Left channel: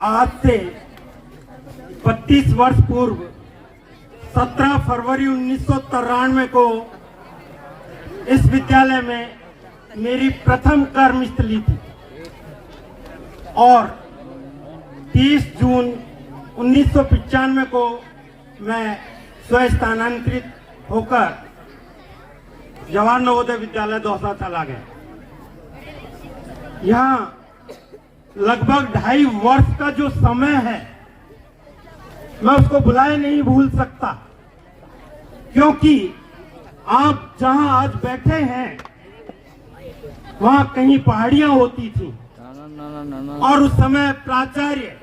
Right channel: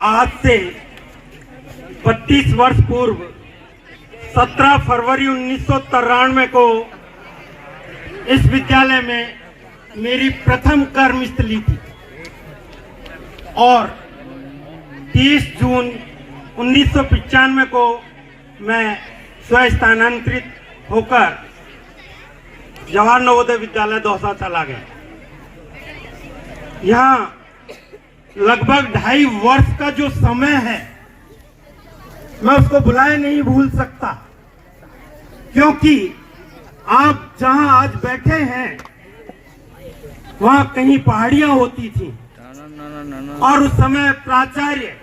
आज से 32 वर्ष पूर्व 17 फरवरी 1993 को इस विद्यालय में मेरी प्रथम कर्मस्थली थी और 30 जून 1995 को मैं स्वस्थानांतरित होकर जवाहर नवोदय विद्यालय दौसा चला गया। यहाँ लगभग 2.5 वर्ष का जो समय है मैं उसको भुलाए नहीं भूल सकता, क्योंकि आप जहां आज बैठे हैं वहां कहीं पहाड़ियां होती थी और उस समय प्राचार्य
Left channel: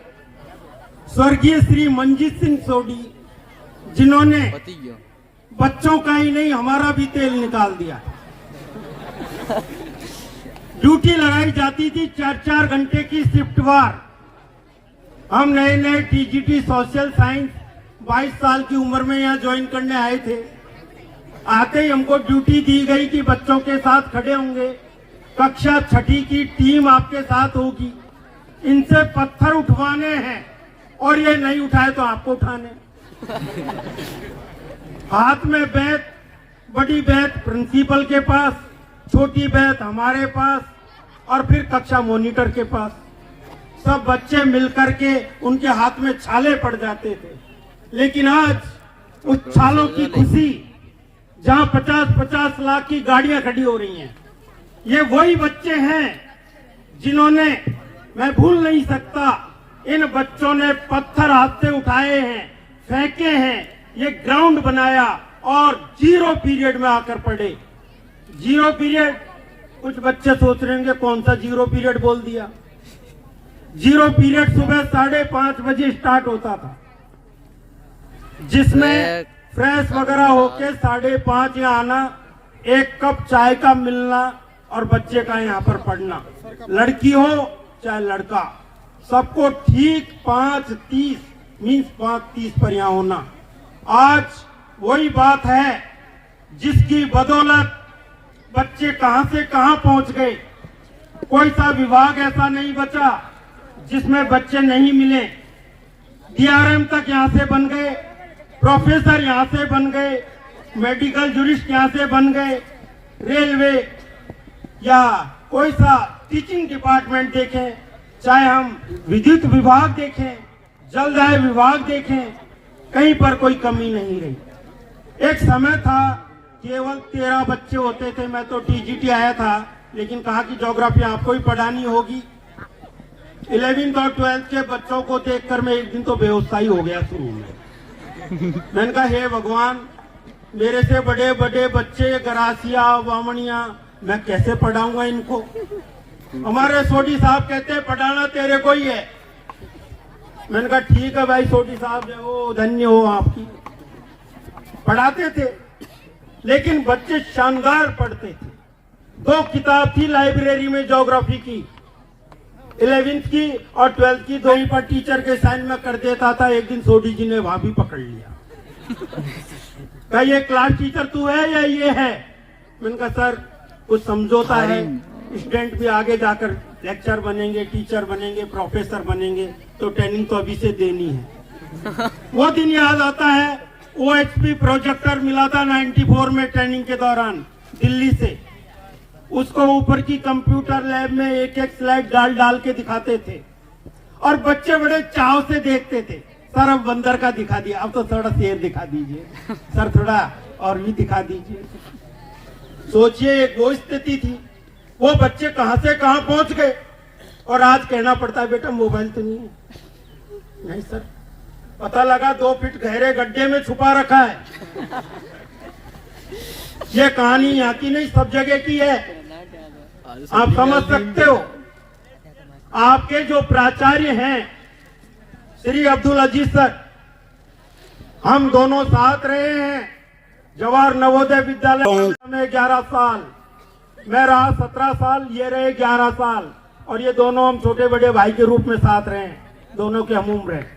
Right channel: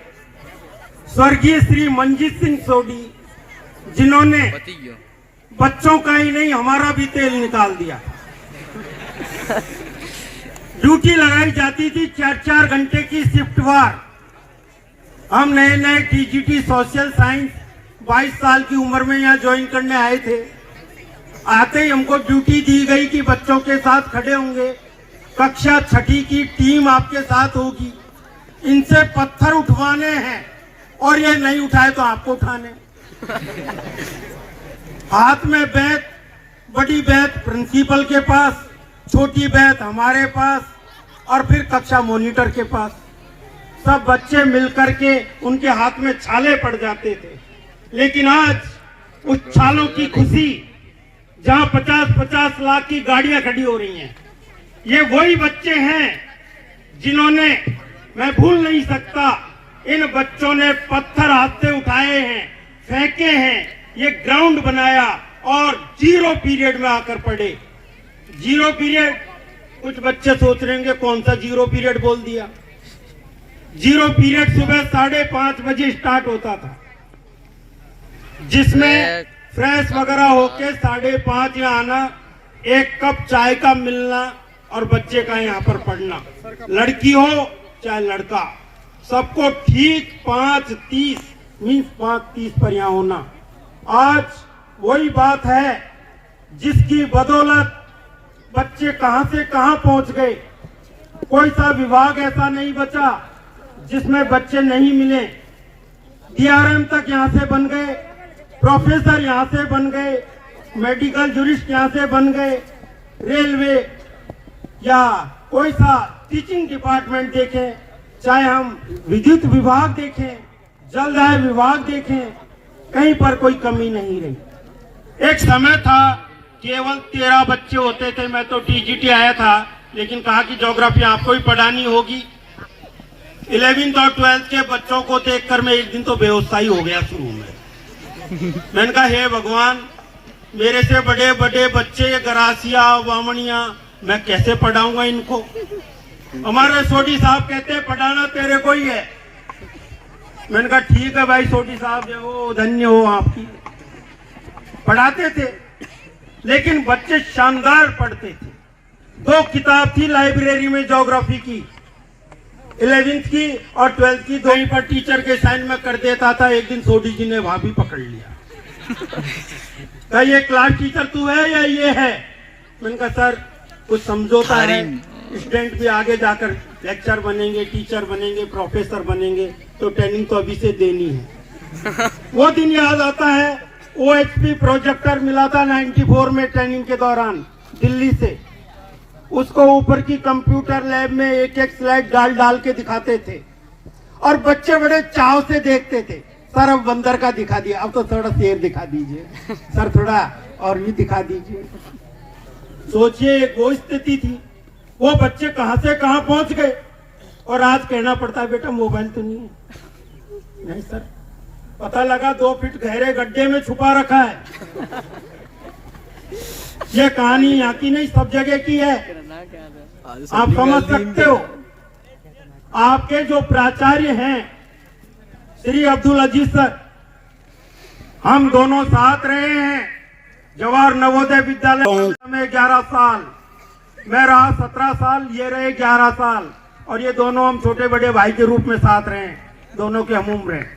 स्वर्गीय श्री मंजीत सिंह सोडी, जिन्होंने बच्चों का ही नहीं हमारा भी तेल निकाल दिया। ड्यूटी लगाई जाती थी 4-4 घंटे की शिफ्टवार। हम नए नए टीजीटी सोशल साइंस 22 साल की उम्र में यहाँ ज्वाइन करने आए थे। आते ही हमको ड्यूटी दी गई कि बच्चों के साथ खड़े होंगे, कक्षा 6ठी की टीम आपके साथ होगी, इनसे पत्थर उठवाने हैं और ये नहीं उठाए तो आपको उठाने। हाथ में बैग, बड़ी बैग प्रिंसिपल के पास, छोटी बैग हमारे पास और फिर कक्षा मॉनिटर के पास। सब बच्चे मिलकर के उनके हाथ में छाले पड़ जाते थे। लेकिन आज उस छालों की खुशी, जहां 50-50 लाख की गाड़ियां खड़ी हो रही हैं, ये वही बच्चे हैं जिन्होंने, मैं भूल नहीं सकता, इन बच्चों ने पत्थर हाथ से उठाए हैं, फेंके हैं, ये ग्राउंड बनाया और 0 पीरियड में आकर पढ़े। 0 पीरियड, कुछ बच्चे सोच रहे हैं कौन सा 0 पीरियड बोल दिया। 0 पीरियड सुबह 5:30 बजे स्टार्ट होता था, जिसमें फ्रेश वगैरह होके 5:30 यहाँ आना, 1 कप चाय का मिलना और बच्चे का यहाँ पर पढ़ना। लड़की हो चाहे लड़का, सबको ठीक 5:30 मीन्स 5:30 पर यहाँ होना। आज वही बात है जिसकी बदौलत बच्चे कहां से कहां पहुंच गए। कोई सा विभाग ऐसा नहीं बचा जिसमें बच्चे नहीं मिले। डीआरएम तक यहां से बन गए, प्रोफेसर यहां से बन गए, मेडिकल जूरिस्ट यहां से बन गए, रेलवे या कोई सा टीचिंग डिपार्टमेंट देखें, चाहे हम विद्युत विभाग देखें, जलदाय विभाग देखें, कहीं पर कोई कमी नहीं रही। एक समय था केवल 13 बच्चे होते थे। मैं तो टीजीटी आया था, लेकिन कहा कि ज्योग्राफी आपको ही पढ़ानी होगी। 11th और 12th के बच्चों को देखकर मैं एक दिन तो बेहोश ही हो गया शुरू में। मैंने कहा हे भगवान, मेरे से बड़े बड़े बच्चे गरासिया बामणिया, मैं कैसे पढ़ाऊंगा इनको। हमारे सोडी साहब कहते पढ़ाना तेरे को ही है। मैंने कहा ठीक है भाई सोडी साहब, जो धन्य हो आपकी। पढ़ाते थे लेकिन बच्चे शानदार पढ़ते थे। 2 किताब थी लाइब्रेरी में ज्योग्राफी की, 11th की और 12th की, 2 ही पर टीचर के साइन में कर देता था। एक दिन सोडी जी ने वहां भी पकड़ लिया। कहा ये क्लास टीचर तू है या ये है? मैंने कहा सर कुछ समझौता है, स्टूडेंट भी आगे जाकर लेक्चर बनेंगे, टीचर बनेंगे, प्रोफेसर बनेंगे, तो ट्रेनिंग तो अभी से देनी है। वो दिन याद आता है, OHP प्रोजेक्टर मिला था 94 में ट्रेनिंग के दौरान दिल्ली से। उसको ऊपर की कंप्यूटर लैब में एक एक स्लाइड डाल के दिखाते थे और बच्चे बड़े चाव से देखते थे। सर अब बंदर का दिखा दिया, अब तो थोड़ा शेर दिखा दीजिए, सर थोड़ा और भी दिखा दीजिए। सोचिए वो स्थिति थी। वो बच्चे कहां से कहां पहुंच गए और आज कहना पड़ता है बेटा मोबाइल तो नहीं है। नहीं सर, पता लगा 2 फीट गहरे गड्ढे में छुपा रखा है। ये कहानी यहाँ की नहीं, सब जगह की है। आप समझ सकते हो। आपके जो प्राचार्य हैं श्री अब्दुल अजीज सर, हम दोनों साथ रहे हैं जवाहर नवोदय विद्यालय में 11 साल। मैं रहा 17 साल, ये रहे 11 साल और ये दोनों हम छोटे बड़े भाई के रूप में साथ रहे, दोनों के हम उम्र हैं।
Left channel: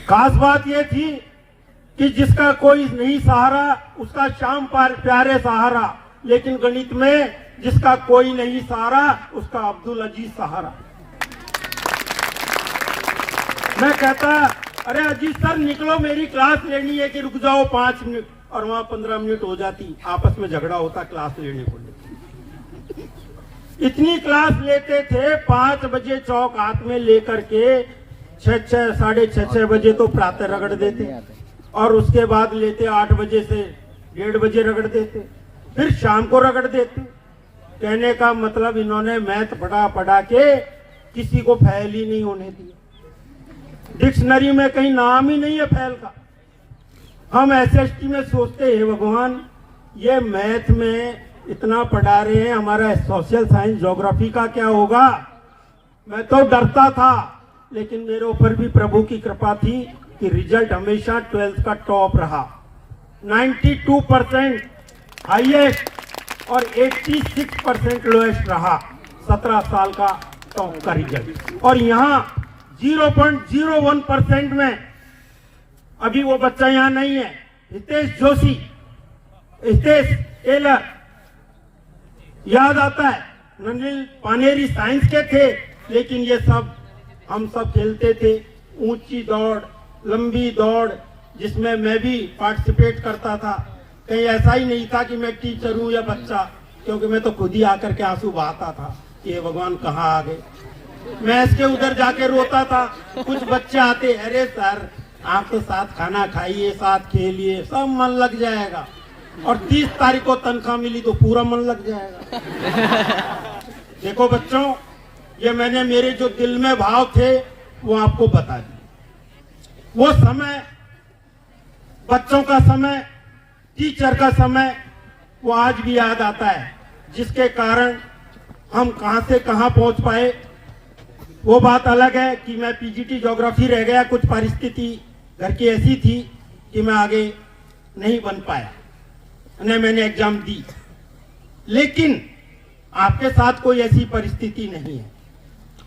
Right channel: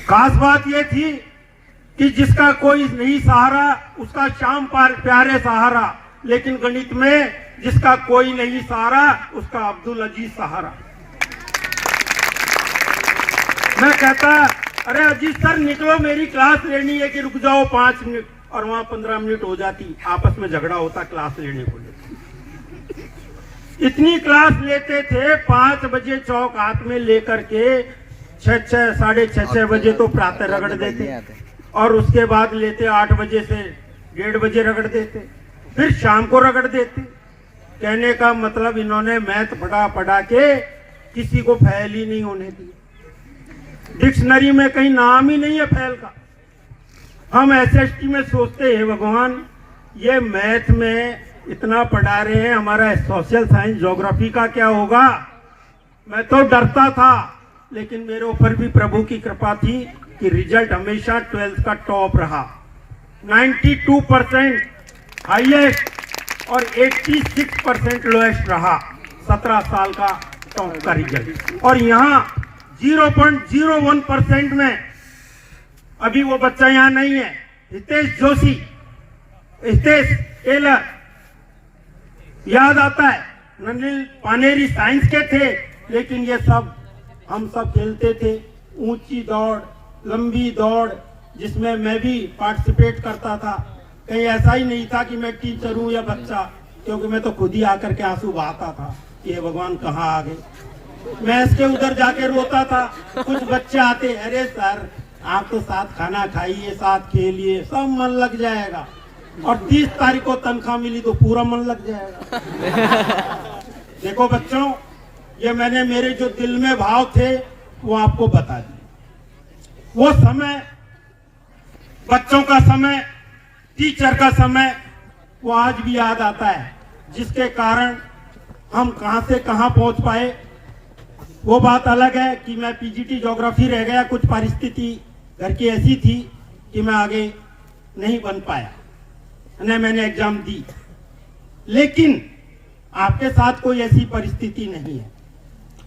खास बात ये थी कि जिसका कोई नहीं सहारा उसका शाम प्यारे सहारा, लेकिन गणित में जिसका कोई नहीं सहारा उसका अब्दुल अजीज सहारा। मैं कहता अरे अजीत सर निकलो, मेरी क्लास लेनी है, कि रुक जाओ 5 मिनट, और वहां 15 मिनट हो जाती, आपस में झगड़ा होता क्लास लेने को। इतनी क्लास लेते थे, 5 बजे चौक हाथ में लेकर के 6 साढ़े 6 बजे तो प्रातः रगड़ देते, और उसके बाद लेते 8 बजे से 1:30 बजे रगड़ देते, फिर शाम को रगड़ देते। कहने का मतलब इन्होंने मैथ पढ़ा के किसी को फेल ही नहीं होने दिया। डिक्शनरी में कहीं नाम ही नहीं है फेल का। हम एसएसटी में सोचते हैं भगवान ये मैथ में इतना पढ़ा रहे हैं, हमारा सोशल साइंस ज्योग्राफी का क्या होगा। मैं तो डरता था, लेकिन मेरे ऊपर भी प्रभु की कृपा थी कि रिजल्ट हमेशा 12th का टॉप रहा, 92% हाईएस्ट और 86% लोएस्ट रहा। 17 साल का टॉप का रिजल्ट, और यहाँ 0.01% में अभी वो बच्चा यहाँ नहीं है, हितेश जोशी, हितेश टेलर, याद आता है। ननिल पानेरी साइंस के थे, लेकिन ये सब हम सब खेलते थे। ऊंची दौड़, लंबी दौड़, जिसमें मैं भी पार्टिसिपेट करता था। कहीं ऐसा ही नहीं था कि मैं टीचर हूं या बच्चा, क्योंकि मैं तो खुद ही आकर के आंसू बहाता था कि ये भगवान कहाँ आ गए। मैं इसके उधर जाके रोता था। कुछ बच्चे आते, अरे सर आप तो साथ खाना खाइए, साथ खेलिए, सब मन लग जाएगा, और 30 तारीख को तनख्वाह मिली तो पूरा मन लग जाएगा। देखो बच्चों, ये मैंने मेरे जो दिल में भाव थे वो आपको बता दिए। वो समय, बच्चों का समय, टीचर का समय, वो आज भी याद आता है, जिसके कारण हम कहां से कहां पहुंच पाए। वो बात अलग है कि मैं पीजीटी ज्योग्राफी रह गया, कुछ परिस्थिति घर की ऐसी थी कि मैं आगे नहीं बन पाया, न मैंने एग्जाम दी। लेकिन आपके साथ कोई ऐसी परिस्थिति नहीं है,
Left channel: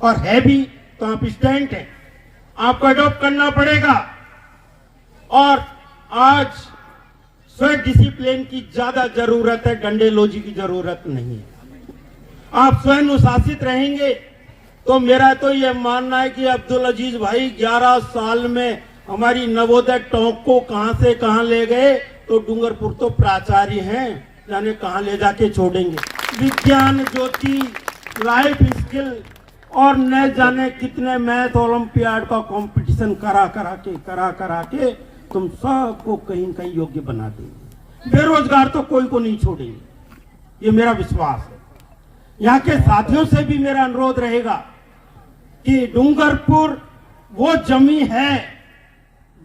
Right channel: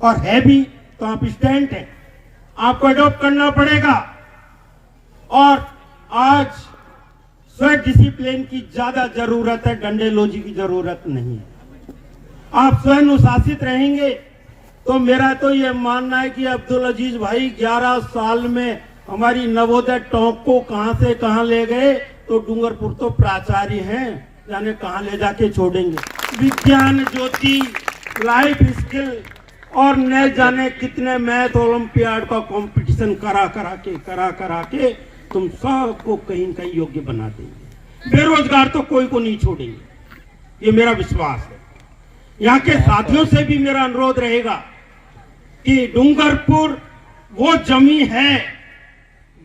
और है भी तो आप स्टूडेंट हैं, आपको अडॉप्ट करना पड़ेगा। और आज स्वयं डिसिप्लिन की ज्यादा जरूरत है, डंडेलौजी की जरूरत नहीं है। आप स्वयं अनुशासित रहेंगे तो मेरा तो ये मानना है कि अब्दुल अजीज भाई 11 साल में हमारी नवोदय टोंक को कहां से कहां ले गए, तो डूंगरपुर तो प्राचार्य हैं, जाने कहां ले जाके छोड़ेंगे। विज्ञान ज्योति, लाइफ स्किल, और न जाने कितने मैथ ओलंपियाड का कंपटीशन करा करा के तुम सबको कहीं न कहीं योग्य बना देंगे। बेरोजगार तो कोई को नहीं छोड़ेंगे, ये मेरा विश्वास है। यहाँ के साथियों से भी मेरा अनुरोध रहेगा कि डूंगरपुर वो जमीन है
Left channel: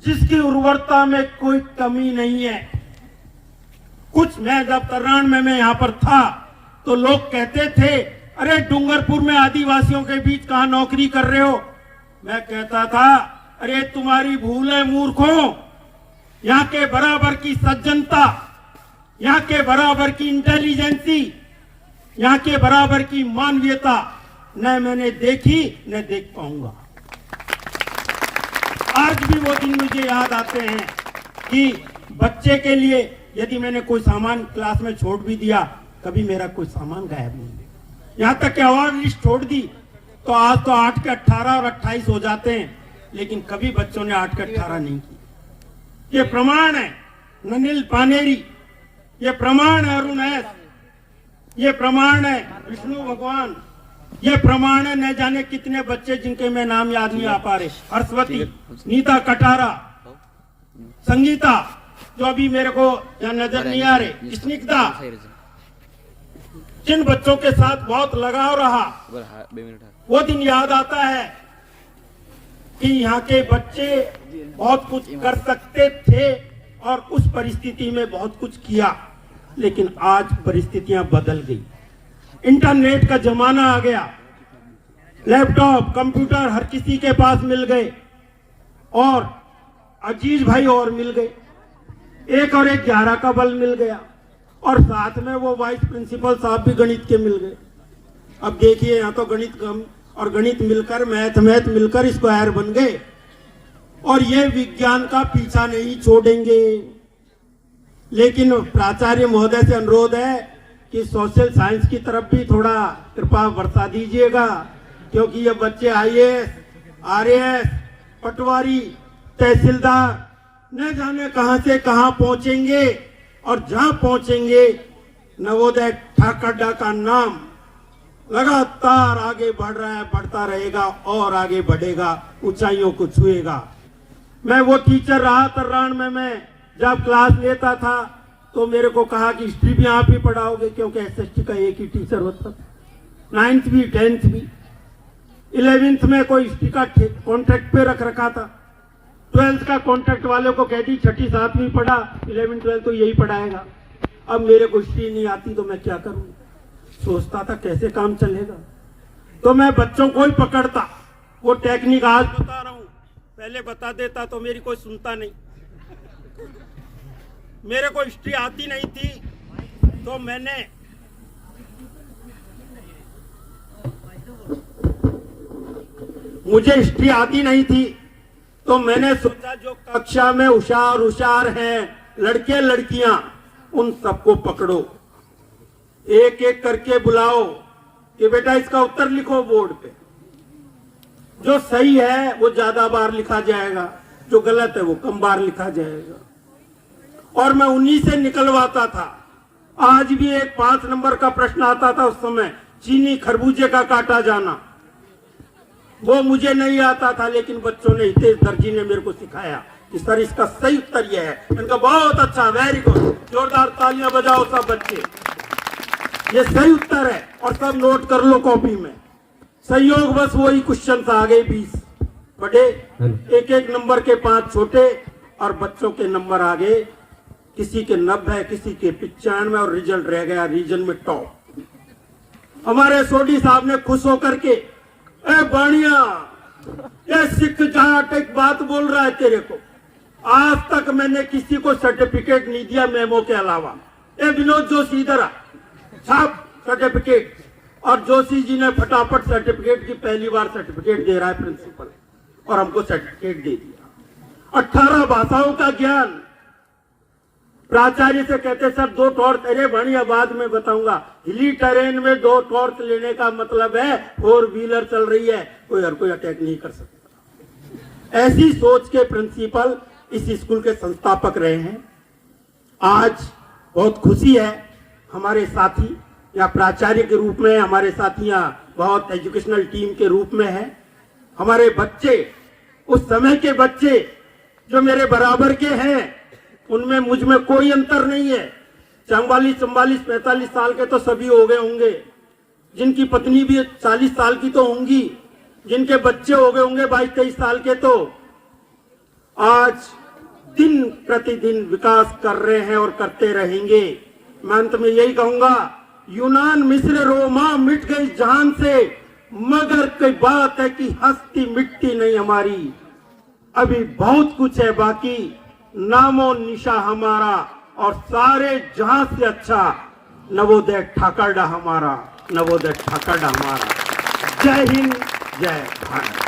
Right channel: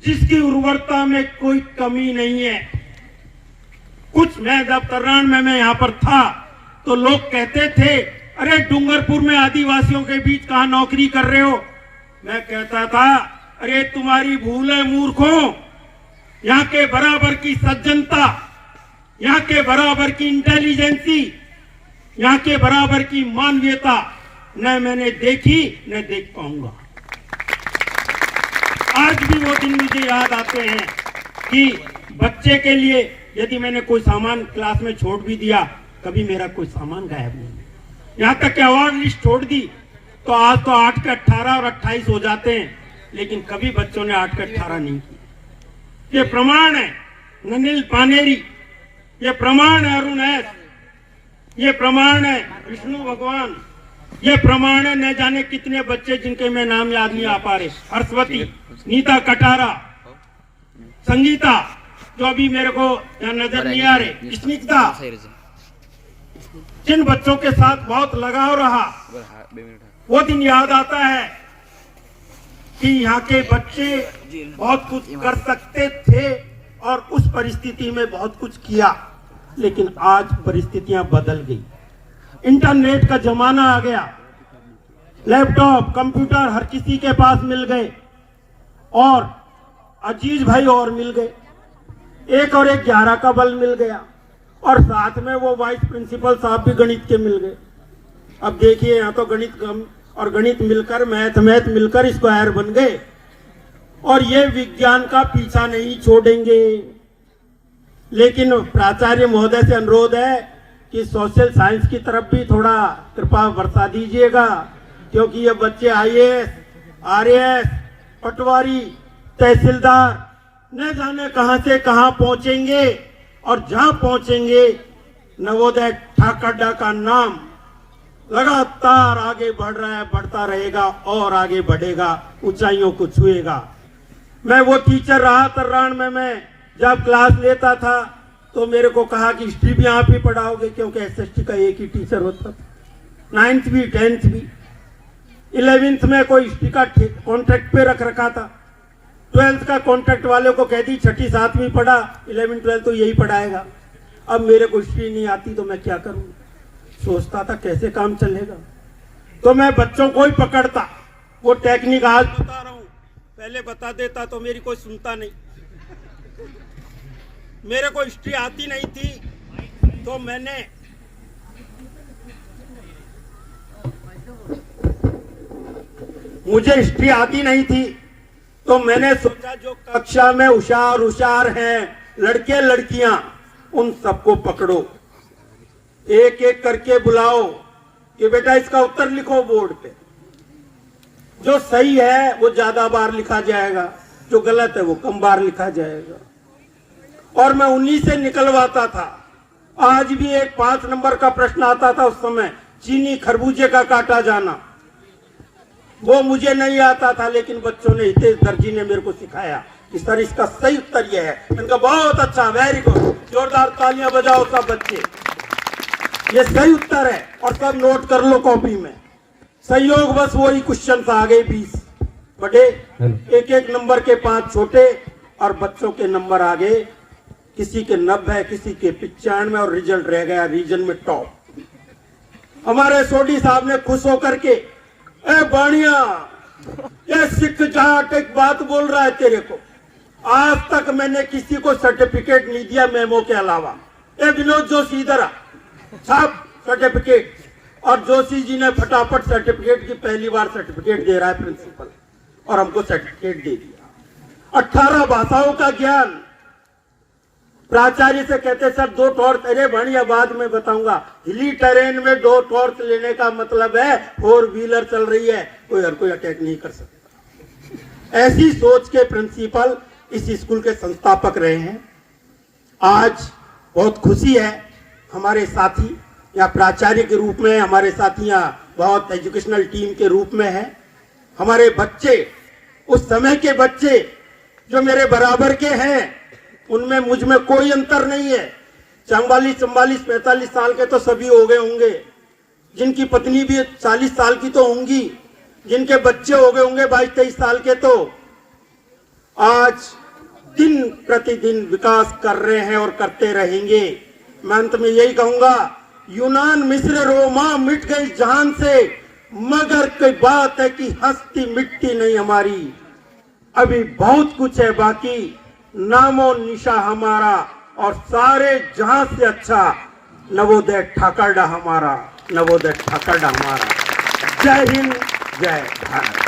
जिसकी उर्वरता में कोई कमी नहीं है। कुछ मैं जब तरान में मैं यहाँ पर था तो लोग कहते थे, अरे डूंगरपुर में आदिवासियों के बीच कहां नौकरी कर रहे हो। मैं कहता था, अरे तुम्हारी भूल है मूर्खों, यहाँ के बराबर की सज्जनता, यहाँ के बराबर की इंटेलिजेंसी, यहाँ के बराबर की मानवीयता न मैंने देखी न देख पाऊंगा। आज भी वो दिन मुझे याद आते हैं कि बच्चे के लिए यदि मैंने कोई सामान क्लास में छोड़ भी दिया, कभी मेरा कोई सामान गायब नहीं। यहाँ तक कि अवार्ड लिस्ट छोड़ दी तो आज तो 8 के 18 और 28 हो जाते हैं, लेकिन कभी बच्चों ने 8 के 18 नहीं किए। ये प्रमाण है ननिल पानेरी, ये प्रमाण है अरुण एस, ये प्रमाण है विष्णु भगवान, ये प्रमाण है न जाने कितने बच्चे जिनके मैं नाम याद नहीं आ पा रहे, हर्षवती, नीता कटारा, संगीता जो अभी मेरे को नजर नहीं आ रहे, स्निग्धा, जिन बच्चों के साथ बहुत लगाव रहा। वो दिन याद आता है कि यहाँ के बच्चे बहुत कुछ कर सकते थे और उस परिस्थिति में बहुत कुछ किया, लेकिन आज परिस्थितियां बदल गई। इंटरनेट का जमाना आ गया, लैपटॉप कंप्यूटर हर किसी के पास मिल गए, और अजीज भाई और मिल गए, 1 और 1 11 का बल मिल गया, और साथ में वो वाइस प्रिंसिपल साहब भी गणित के मिल गए। अब देखिए यहाँ तो गणित और गणित मिलकर मैथ मिलकर स्क्वायर बन गए, और ये विज्ञान का पीछा नहीं छोड़ेंगे। लेकिन प्राचार्य महोदय से अनुरोध है कि सोशल साइंस की तरफ भी थोड़ा कृपा बरसा दीजिएगा, क्योंकि ये बच्चे IAS, RAS, पटवारी, तहसीलदार न जाने कहां से कहां पहुंचेंगे और जहां पहुंचेंगे नवोदय ठाकरडा का नाम लगातार आगे बढ़ रहा है, बढ़ता रहेगा और आगे बढ़ेगा, ऊंचाइयों को छुएगा। मैं वो टीचर रहा तर्रान में, मैं जब क्लास लेता था तो मेरे को कहा कि हिस्ट्री भी आप ही पढ़ाओगे, क्योंकि एसएसटी का एक ही टीचर होता था। 9th भी 10th भी, 11th में कोई हिस्ट्री का कॉन्ट्रैक्ट पे रख रखा था। 12th का कॉन्ट्रैक्ट वाले को कह दी 6ठी 7वीं पढ़ा, 11th 12th तो यही पढ़ाएगा। अब मेरे को हिस्ट्री नहीं आती तो मैं क्या करूं? सोचता था कैसे काम चलेगा, तो मैं बच्चों को ही पकड़ता। वो टेक्निक आज बता रहा हूं, पहले बता देता तो मेरी कोई सुनता नहीं। मेरे को हिस्ट्री आती नहीं थी तो मुझे हिस्ट्री आती नहीं थी तो मैंने सोचा जो कक्षा में होशियार हैं लड़के लड़कियां, उन सबको पकड़ो, एक एक करके बुलाओ कि बेटा इसका उत्तर लिखो बोर्ड पे। जो सही है वो ज्यादा बार लिखा जाएगा, जो गलत है वो कम बार लिखा जाएगा। और मैं उन्हीं से निकलवाता था। आज भी एक 5 नंबर का प्रश्न आता था उस समय, चीनी खरबूजे का काटा जाना, वो मुझे नहीं आता था, लेकिन बच्चों ने, हितेश दर्जी ने मेरे को सिखाया कि सर इसका सही उत्तर यह है। इनका बहुत अच्छा, वेरी गुड, जोरदार तालियां बजाओ सब बच्चे, ये सही उत्तर है और सब नोट कर लो कॉपी में। संयोग बस वही क्वेश्चन आ गए 20 बड़े, एक एक नंबर के 5 छोटे, और बच्चों के नंबर आ गए, किसी के 90, किसी के 95, और रिजल्ट रह गया रीजन में टॉप। हमारे सोडी साहब ने खुश होकर के, ए बाणिया, ये सिख जाट एक बात बोल रहा है तेरे को, आज तक मैंने किसी को सर्टिफिकेट नहीं दिया मेमो के अलावा। ए विनोद जोशी इधर आ, साहब सर्टिफिकेट। और जोशी जी ने फटाफट सर्टिफिकेट की, पहली बार सर्टिफिकेट दे रहा है प्रिंसिपल, और हमको सर्टिफिकेट दे दिया। 18 भाषाओं का ज्ञान। प्राचार्य से कहते सर 2 टॉर्च, अरे बढ़िया बाद में बताऊंगा, हिली टेरेन में 2 टॉर्च लेने का मतलब है 4 व्हीलर चल रही है, कोई हर कोई अटैक नहीं कर सकता। ऐसी सोच के प्रिंसिपल इस स्कूल के संस्थापक रहे हैं। आज बहुत खुशी है, हमारे साथी या प्राचार्य के रूप में, हमारे साथी यहाँ बहुत एजुकेशनल टीम के रूप में है। हमारे बच्चे, उस समय के बच्चे जो मेरे बराबर के हैं, उनमें मुझ में कोई अंतर नहीं है। 44, 45 साल के तो सभी हो गए होंगे, जिनकी पत्नी भी 40 साल की तो होंगी, जिनके बच्चे हो गए होंगे 22-23 साल के, तो आज दिन प्रतिदिन विकास कर रहे हैं और करते रहेंगे। मैं अंत में यही कहूंगा, यूनान मिस्र रोमा मिट गई जहान से, मगर कोई बात है कि हस्ती मिटती नहीं हमारी। अभी बहुत कुछ है बाकी, नामो निशा हमारा, और सारे जहां से अच्छा नवोदय ठाकरडा हमारा, नवोदय ठाकरडा हमारा। जय हिंद, जय भारत।